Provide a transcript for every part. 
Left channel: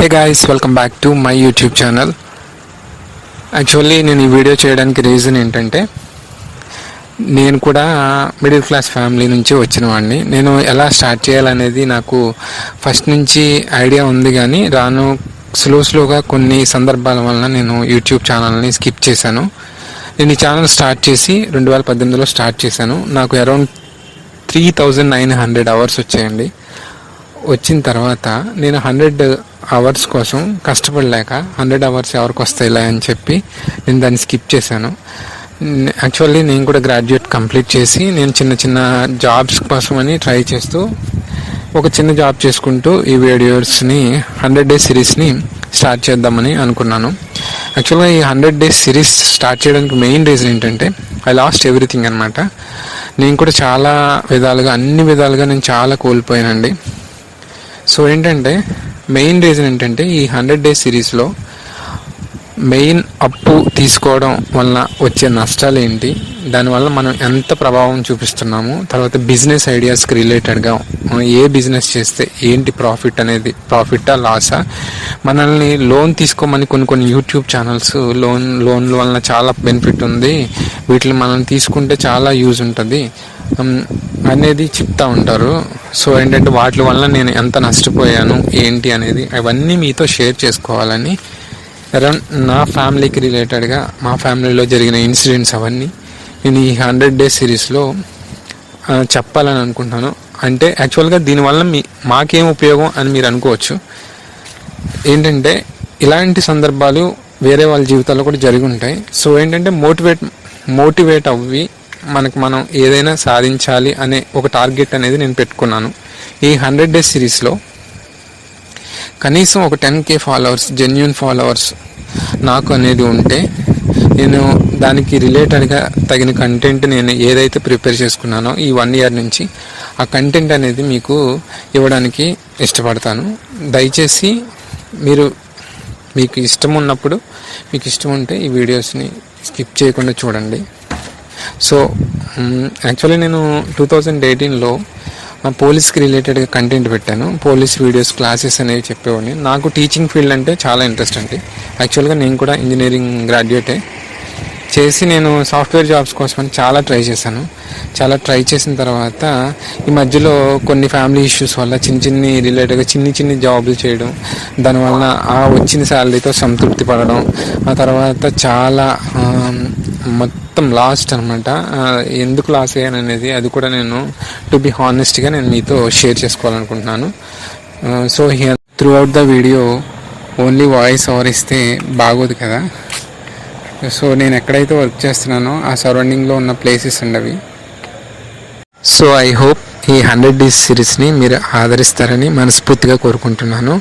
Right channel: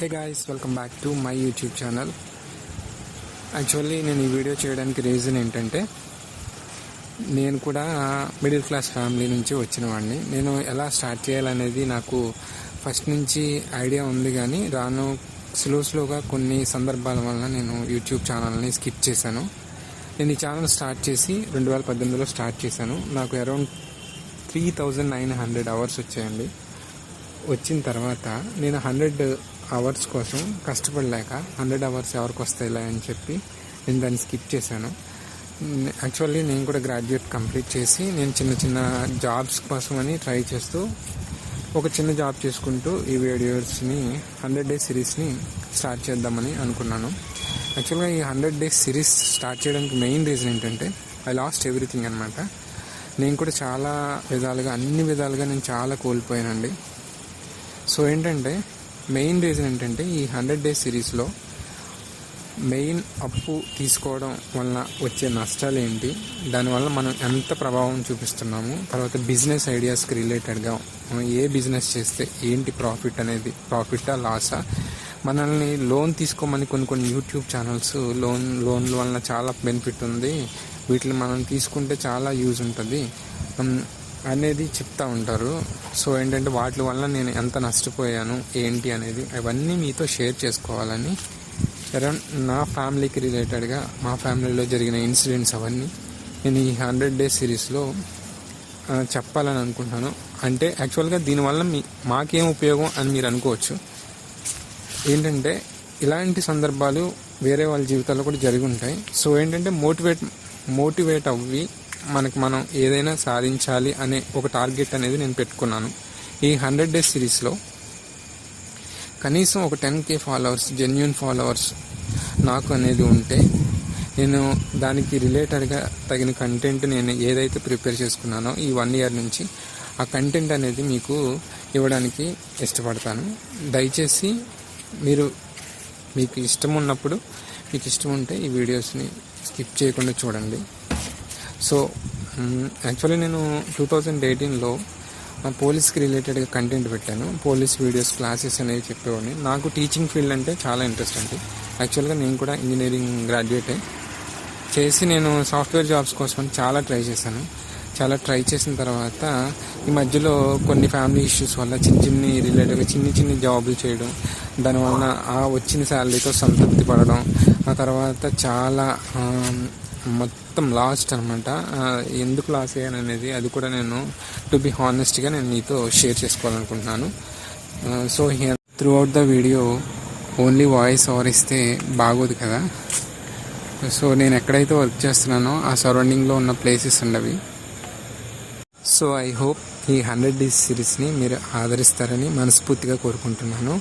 Hey guys, welcome back to my YouTube channel. Actually నేను ఈ video చేయడానికి reason ఏంటంటే, నేను కూడా మిడిల్ క్లాస్ ఫ్యామిలీ నుంచి వచ్చిన వాడిని. నేను ఎలా స్టార్ట్ చేయాలనేది నాకు ఫస్ట్ నుంచి ఐడియా ఉంది, కానీ రాను స్లోగా కొన్ని సందర్భాల వలన నేను యూట్యూబ్ ఛానల్ని స్కిప్ చేశాను. నేను ఈ ఛానల్ స్టార్ట్ చేసి 2018లో స్టార్ట్ చేశాను. నాకు అరౌండ్ 3900 అవర్స్ వచ్చాయండి. వచ్చిన తర్వాత నేను 100 అవర్స్ కోసం కష్టపడలేక 100 అవర్స్ ఎవరికి వస్తాయిలే అని చెప్పి నేను దాన్ని స్కిప్ చేశాను. యాక్చువల్లీ నేను కూడా గ్రాడ్యుయేట్ కంప్లీట్ చేసి నేను చిన్న జాబ్స్ కోసమని ట్రై చేస్తూ ఒక చిన్న జాబ్ చేసుకుంటూ ఈ వీడియోస్ని 100 డేస్ సిరీస్ని స్టార్ట్ చేద్దామని అనుకున్నాను. యాక్చువల్గా ఈ 100 డేస్ సిరీస్ స్టార్ట్ చేయడానికి మెయిన్ రీజన్ ఏంటంటే, ఐ లాస్ట్ ఎవ్రీథింగ్ అనమాట. నేను కూడా చాలా విధాలుగా, అన్ని విధాలుగా నేను చాలా కోల్పోయానండి. సో ఏంటంటే, మెయిన్ రీజన్ ఏంటంటే, ఈ 100 డేస్ సిరీస్లో మెయిన్ అప్పు తీసుకోవడం వల్ల వచ్చే నష్టాలు ఏంటి, దానివల్ల మనం ఎంత ప్రభావం చూపిస్తున్నాము, తర్వాత బిజినెస్ ఐడియాస్కి రిలేటెడ్గా ఏ బిజినెస్ చేస్తే ఏంటి ప్రాఫిట్ అనేది, ప్రాఫిటా లాసా, మనల్ని లోన్ తీసుకోమని కొన్ని యూట్యూబ్ ఛానల్స్ లోన్ల వలన చాలా బెనిఫిట్ ఉంది, వీటిని మనం తీసుకుంటే చాలా యూజ్ ఉంటుంది అనేది చెప్తా ఉంటారు. సో ఏంటంటే, వాటి వల్ల నేను ఎంత నష్టపోయాను ఏంటి అనేది అవన్నీ మీతో షేర్ చేసుకోవాలని, అరౌండ్ నా ఫ్యామిలీకి రిలేటెడ్గా, మా ఫ్యామిలీలో జరిగిన ఇన్సిడెంట్స్ అవన్నీ నేను ఈ 100 డేస్ సిరీస్లో చెప్పాలని అనుకుంటున్నాను. అంటే యాక్చువల్గా దీనివల్ల మాకేం ఉపయోగం అని మీరు అనుకోవచ్చు. ఏంటంటే, ఇలాంటి సందర్భాలు వేరే వాళ్ళ జీవితాల్లో కూడా జరిగి ఉంటాయి. సో ఏంటంటే, మోటివేట్ అవ్వి మనం ఏదైనా సాధించాలి అనే ఒక టార్గెట్ అనేది నేను పెట్టుకున్నాను. ఈ 100 డేస్ సిరీస్లో కనీసం ఒక 10K ఫాలోవర్స్, జెన్యూన్ ఫాలోవర్స్ నాకు అనేది ఉంటే, నేను దానికి రిలేటెడ్గా తగిన కంటెంట్ నేను ఏదైతే ప్రిపేర్ చేసుకున్నానో ఈ 1 ఇయర్ నుంచి, ఆ కంటెంట్ అనేది మీకు ఇవ్వడానికి ఇష్టపడతాను. దయచేసి మీకు ఇష్టం ఉన్నప్పుడు, మీకు ఇష్టం ఉంటే ఈ వీడియోస్ని స్కిప్ చేయకుండా చూడండి. సో యాక్చువల్లీ నేను 2018లో పోలీస్కి రిలేటెడ్గా కంటెంట్ పెట్టాను. పోలీస్ వీడియోస్, క్లాసెస్ అనేవి చెప్పేవాడిని. నాకు టీచింగ్ ఫీల్డ్ అంటే చాలా ఇంట్రెస్ట్ అండి. యాక్చువల్గా నేను కూడా ఇంజనీరింగ్ గ్రాడ్యుయేటే చేసి నేను సాఫ్ట్వేర్ జాబ్స్ కోసం చాలా ట్రై చేశాను. చాలా ట్రై చేసిన తర్వాత ఈ మధ్యలో కొన్ని ఫ్యామిలీ ఇష్యూస్ వల్ల రిలేటెడ్గా చిన్ని జాబులు చేయడం, దానివల్ల ఆ వచ్చిన శాలరీతో సంతృప్తి పడడం, ఆ తర్వాత చాలా మొత్తం లాస్ట్ అనమాట. ఎందుకు లాస్ అయ్యాను అనేది అది కూడా నేను టు బి హానెస్ట్గా నేను మీతో షేర్ చేసుకోవాలనుకుంటున్నాను. So here through out the video only voice over ఇస్తే బాగోదు కదా. సో నేను ఎక్కడైతే వర్క్ చేస్తున్నానో ఆ సరౌండింగ్లో ఉన్న ప్లేసెస్ ఉండవి. సో ఐ హోప్ ఈ 100 డేస్ సిరీస్ని మీరు ఆదరిస్తారని మనస్ఫూర్తిగా కోరుకుంటున్నాను.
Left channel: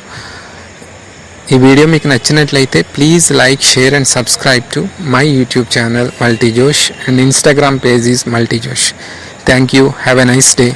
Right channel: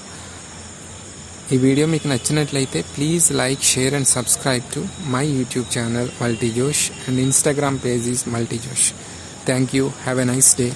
ఈ వీడియో మీకు నచ్చినట్లయితే please like, share and subscribe to my YouTube channel Multijosh, and Instagram page is Multijosh. Thank you. Have a nice day.